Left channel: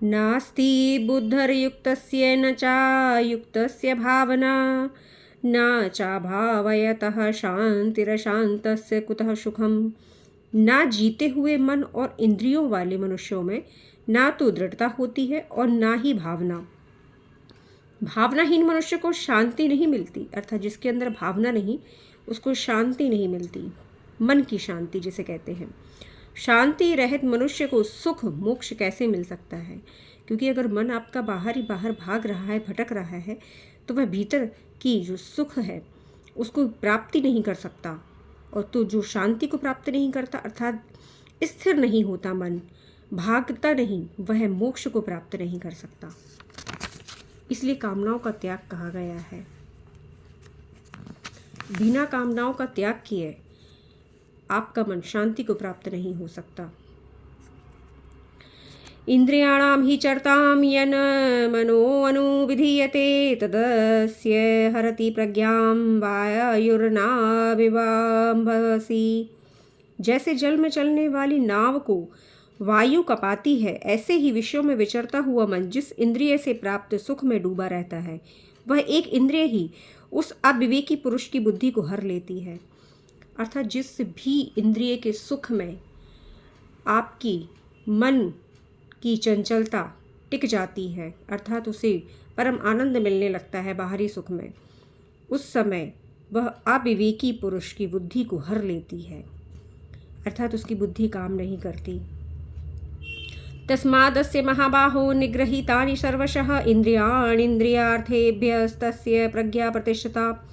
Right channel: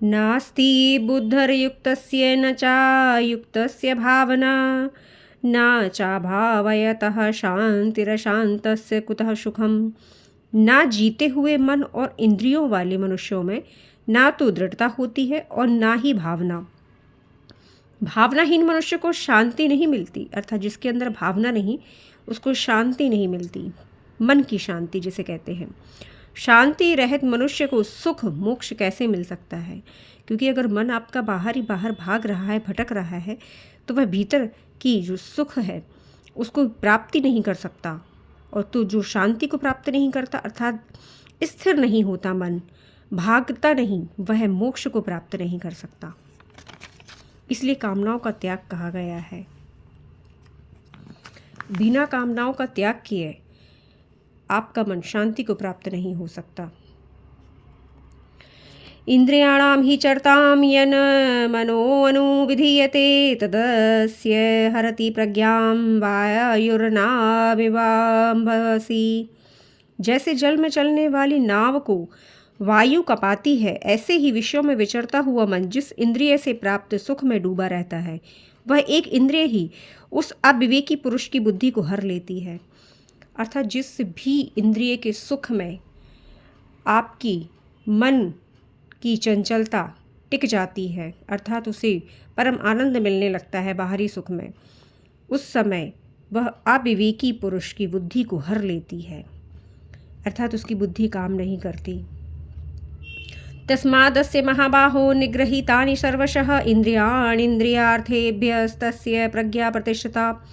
नास्ति बुद्धर्युक्तस्य न चायुक्तस्य भावना न चाभावयतः शांतिरशांतस्य कुतः सुखम। ना जीते हुए मन और इंद्रियों वाले मनुष्यों में ना तो दृढ़ता होती है और ना ही भावना। भावनाहीन मनुष्य को शांति नहीं मिलती, अर्थात जिसके अंदर भावना नहीं उसको शांति नहीं मिलती, मन की शांति जिसे कहते हैं। शांति रहित मनुष्य को सुख मोक्ष कैसे मिल सकता है? क्योंकि अगर मन आपका बाहर ही बाहर भाग रहा है, भटक रहा है, तो वह भीतर की जो सुख है उसको प्राप्ति नहीं कर सकता। और तो जो शांति को प्राप्त नहीं करता अर्थात स्थिर नहीं होता, मन भागता नहीं, वह मोक्ष को प्राप्त नहीं कर सकता। इसलिए कामनाओं का त्याग कहा गया है। बिना कामनाओं का त्याग किए आपका मन शांति को प्राप्त नहीं हो सकता। इंद्रियाणाम ही चरताम यन मनो अनुविधीयते तदस्य हरति प्रज्ञाम वायुर्नाविवाम्भसी। जैसे जल में चलने वाली नाव को वायु कपाती है, ऐसे ही विषयों में विचरता हुआ मन जिस इंद्रिय से प्राप्त सुख में डूबा रहता है, वह एक इंद्रिय ही उस अविवेकी पुरुष की बुद्धि को हर लेती है। अर्थात जिस भी इंद्रिय के सुख में आपकी मन की चंचलता टिक जाती है, अर्थात उसे परम आनंद मिलने लगता है बाहरी सुख में, उस समय वह अविवेकी पुरुष की बुद्धि को हर लेती है, अर्थात उसकी बुद्धि काम नहीं करती। तस्मादस्य महाबाहो निगृहीतानि सर्वशः इंद्रियाणीन्द्रियार्थेभ्यस्तस्य प्रज्ञा प्रतिष्ठिता।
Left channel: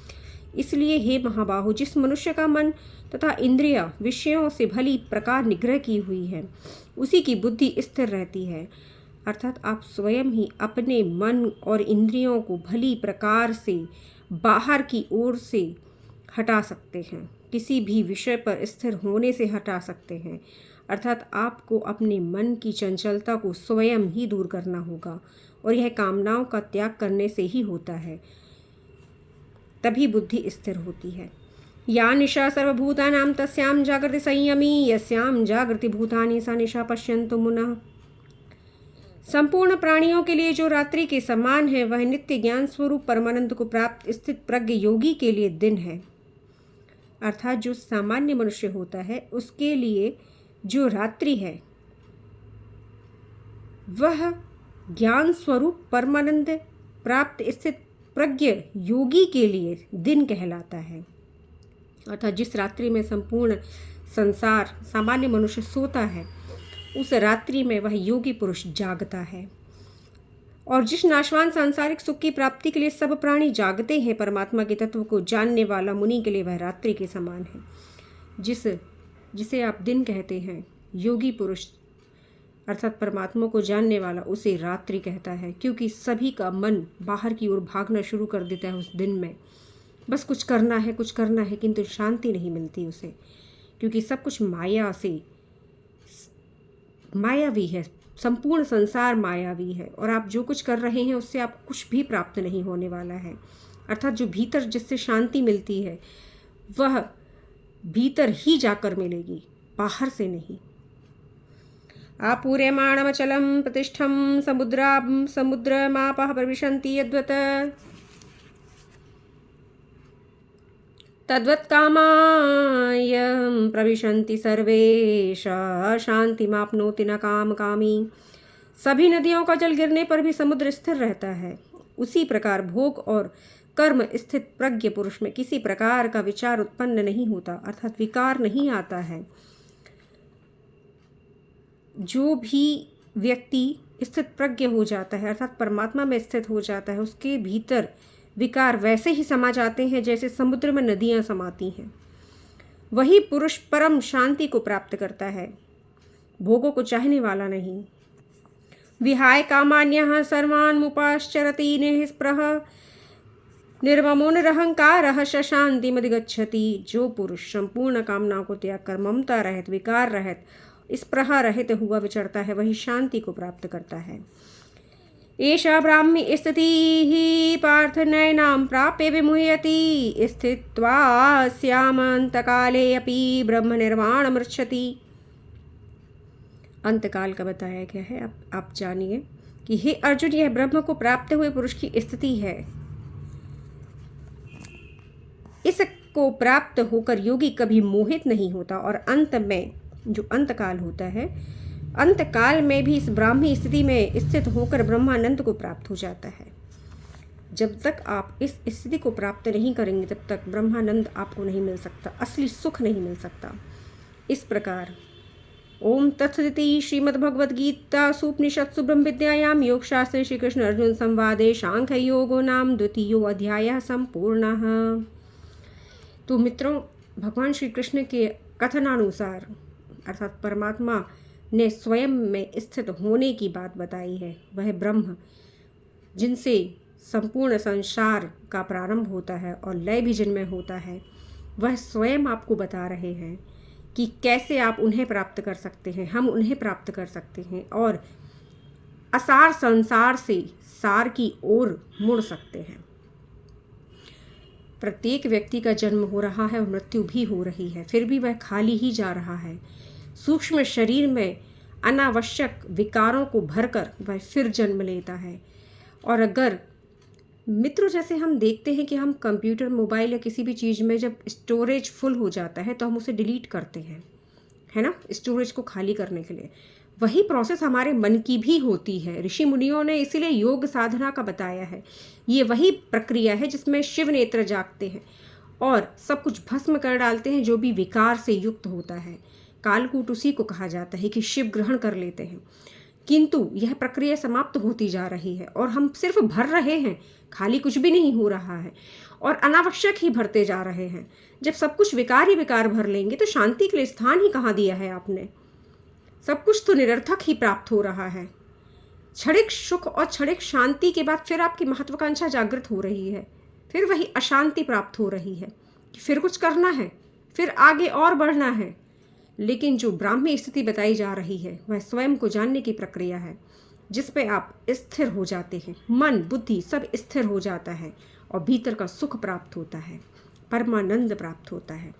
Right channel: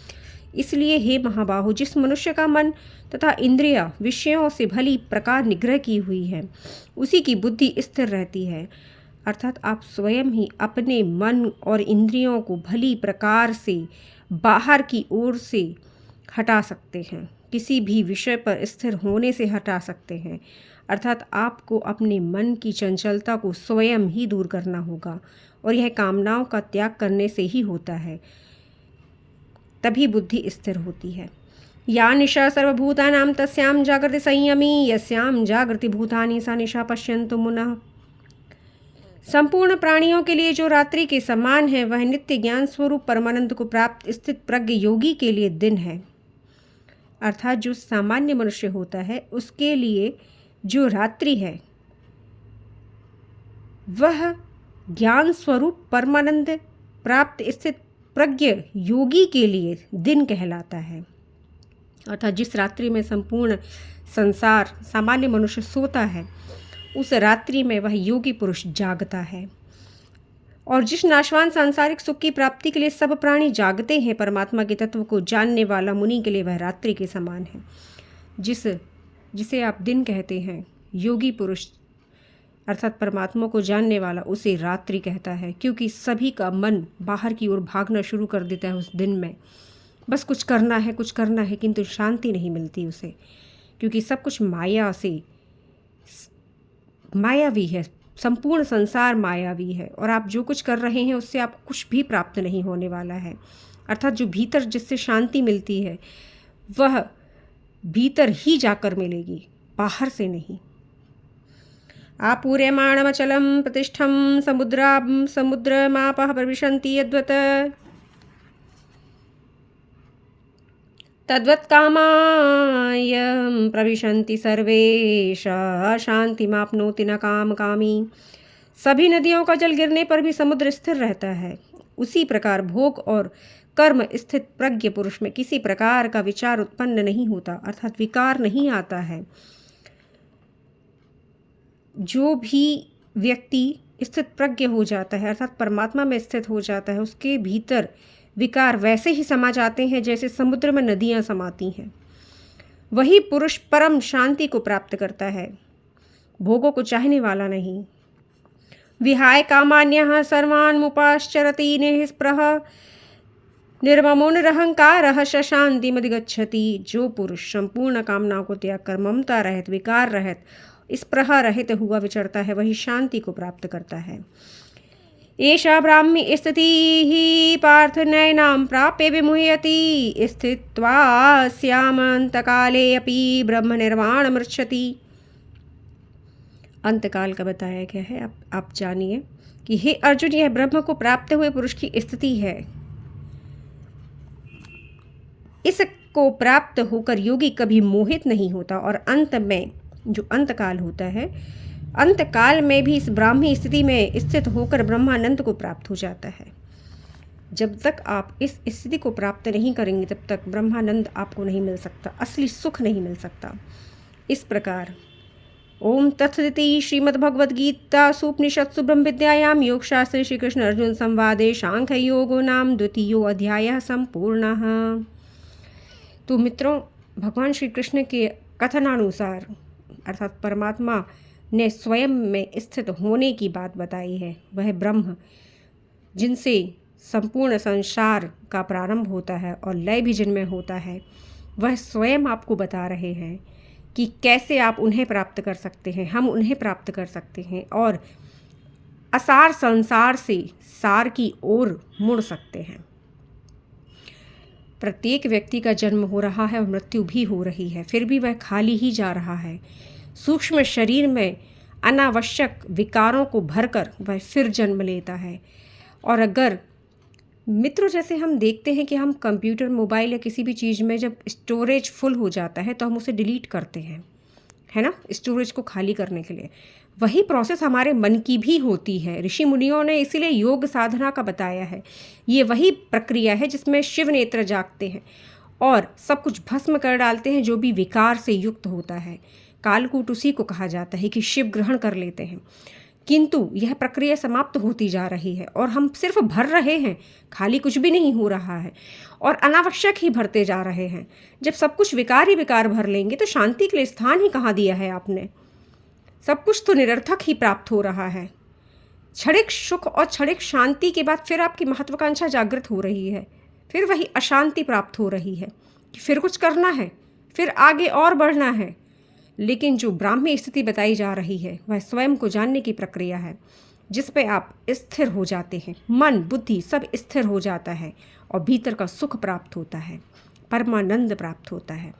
इसलिए हे महाबाहो, जिस मनुष्य का मन तथा इंद्रिया विषयों से भली प्रकार निग्रह की हुई है, उसी की बुद्धि स्थिर रहती है। अर्थात आप स्वयं ही अपने मन और इंद्रियों को भली प्रकार से बाहर की ओर से हटा सकते हैं, किसी भी विषय पर स्थिर होने से हटा सकते हैं। अर्थात आपको अपने मन की चंचलता को स्वयं ही दूर करना होगा, और यह कामनाओं का त्याग करने से ही होता है, तभी बुद्धि स्थिर होती है। या निशा सर्वभूतानां तस्यां जागृति संयमी यस्यां जागृति भूतानि सा निशा पश्यन्तु मुनः। संपूर्ण प्राणियों के लिए जो रात्रि के समान है, वह नित्य ज्ञान स्वरूप परमानंद को प्राप्त स्थित प्रज्ञ योगी के लिए दिन है। अर्थात जो सामान्य मनुष्य होता है उसके लिए जो रात्रि है वह ज्ञान स्वरूप परमानंद प्राप्त स्थित प्रज्ञ योगी के लिए दिन कहलाता है। अर्थात जिस रात्रि में संपूर्ण संसार सामान्य मनुष्य सोता है, उस रात्रि में वह योगी पुरुष जागता है। और जिस नाशवान सांसारिक सुख की प्राप्ति के लिए सब प्राणी जागते हैं, परमात्मा के तत्व को जानने वाला मुनि के लिए वह रात्रि के समान है। जिसे आप दिन कहते हैं, योगी पुरुष अर्थात परमात्मा को जानने वाला उसे रात्रि कहता है, क्योंकि सभी का मन बाहर की ओर भागना शुरू कर देता है उस दिन में। बस कुछ करना है, कुछ करना है, किंतु शांति नहीं मिलती उसे, क्योंकि सब कुछ माया से मायावी है, संपूर्ण संसार मायावी है, और आप जो कुछ कर रहे हैं उससे आप कुछ भी प्राप्त नहीं होने वाला है। अर्थात जो भीतर जिससे शांति मिलती है वह भीतर ही जाकर मिलेगी, बाहर से नहीं। आपूर्यमाणमचलं प्रतिष्ठं समुद्रमापः प्रविशन्ति यद्वत् तद्वत् कामायं प्रविशन्ति सर्वे शांतिमाप्नोति न कामी। सभी नदियों का जल गिरने पर भी समुद्र स्थिर रहता है, उसी प्रकार भोग और कर्म स्थित प्रज्ञ पुरुष में किसी प्रकार का विचार उत्पन्न नहीं होता, अर्थात विकार नहीं आता है। जो भी व्यक्ति स्थित प्रज्ञ हो जाता है अर्थात परमात्मा में स्थित हो जाता है, उसके भीतर विकार वैसे ही समा जाते हैं जैसे समुद्र में नदियां समाती हैं। वही पुरुष परम शांति को प्राप्त करता है, भोगों को चाहने वाला नहीं। विहाय कामान्यः सर्वान् मुपाश्चरति निःस्पृह निर्ममोनरहंकारः शांतिमधिगच्छति। जो पुरुष संपूर्ण कामनाओं को त्याग कर ममता रहित, विकार रहित, स्पृहा रहित हुआ विचरता है, वही शांति को प्राप्त करता है। एषा ब्राह्मी स्थितिः पार्थनयनां प्राप्य विमुह्यति स्थित्वा स्यामन्तकाले अपि ब्रह्मनिर्वाणमृच्छति। अंतकाल का बताया गया है। आप जानिए कि हे अर्जुन, यह ब्रह्म को प्राप्त हुए पुरुष की स्थिति है। इसको प्राप्त होकर योगी कभी मोहित नहीं होता और अंत में जो अंतकाल होता है, अंतकाल में भी इस ब्राह्मी स्थिति में स्थित होकर ब्रह्मानंद को प्राप्त हो जाता है। जब तक आप इस स्थिति को प्राप्त नहीं करेंगे तब तक ब्रह्मानंद आपको नहीं मिल सकता, असली सुख नहीं मिल सकता। इस प्रकार ओम तत्सदिति श्रीमद्भगवद्गीतासु उपनिषत्सु ब्रह्म विद्यायां योगशास्त्रे श्री कृष्ण अर्जुन संवादे सांख्य योगो नाम द्वितीयो अध्यायः संपूर्णः। तो मित्रों, भगवान श्री कृष्ण के कथनानुसार अर्थात परमात्मा ने स्वयं में स्थित होने की बात बताई है। वह ब्रह्म जिनसे संपूर्ण संसार का प्रारंभ होता है और लय भी जिनमें होता है, वह स्वयं आपको बता रहे हैं कि कैसे आप उन्हें प्राप्त कर सकते हैं, हम उन्हें प्राप्त कर सकते हैं और असार संसार से सार की ओर मुड़ सकते हैं। प्रत्येक व्यक्ति का जन्म हो रहा है और मृत्यु भी हो रही है, फिर भी वह खाली ही जा रहा है। सूक्ष्म शरीर में अनावश्यक विकारों को भरकर वह फिर जन्म लेता है। और अगर मित्रों, जैसे हम देखते हैं कि हम कंप्यूटर, मोबाइल या किसी भी चीज़ में जब स्टोरेज फुल हो जाता है तो हम उसे डिलीट करते हैं, है ना, स्टोरेज को खाली करने के लिए। वही प्रोसेस हमारे मन की भी होती है। ऋषि मुनियों ने इसीलिए योग साधना का बताया है। ये वही प्रक्रिया है जिसमें शिव नेत्र जागते हैं और सब कुछ भस्म कर डालते हैं जो भी विकार से युक्त होता है। कालकूट उसी को कहा जाता है कि शिव ग्रहण कर लेते हैं। किंतु यह प्रक्रिया समाप्त होती जा रही है और हम सिर्फ भर रहे हैं, खाली कुछ भी नहीं हो रहा है और अनावश्यक ही भरते जा रहे हैं। जब सब कुछ विकार ही विकार भर लेंगे तो शांति के लिए स्थान ही कहाँ दिया है आपने? सब कुछ तो निरर्थक ही प्राप्त हो रहा है। क्षणिक सुख और क्षणिक शांति के बाद फिर आपकी महत्वाकांक्षा जागृत हो रही है, फिर वही अशांति प्राप्त हो रही है कि फिर कुछ करना है, फिर आगे और बढ़ना है। लेकिन जो ब्राह्मी स्थिति बताई जा रही है वह स्वयं को जानने की प्रक्रिया है, जिस पे आप स्थिर हो जाते हैं। मन बुद्धि सब स्थिर हो जाता है और भीतर का सुख प्राप्त होता है, परमानंद प्राप्त होता है।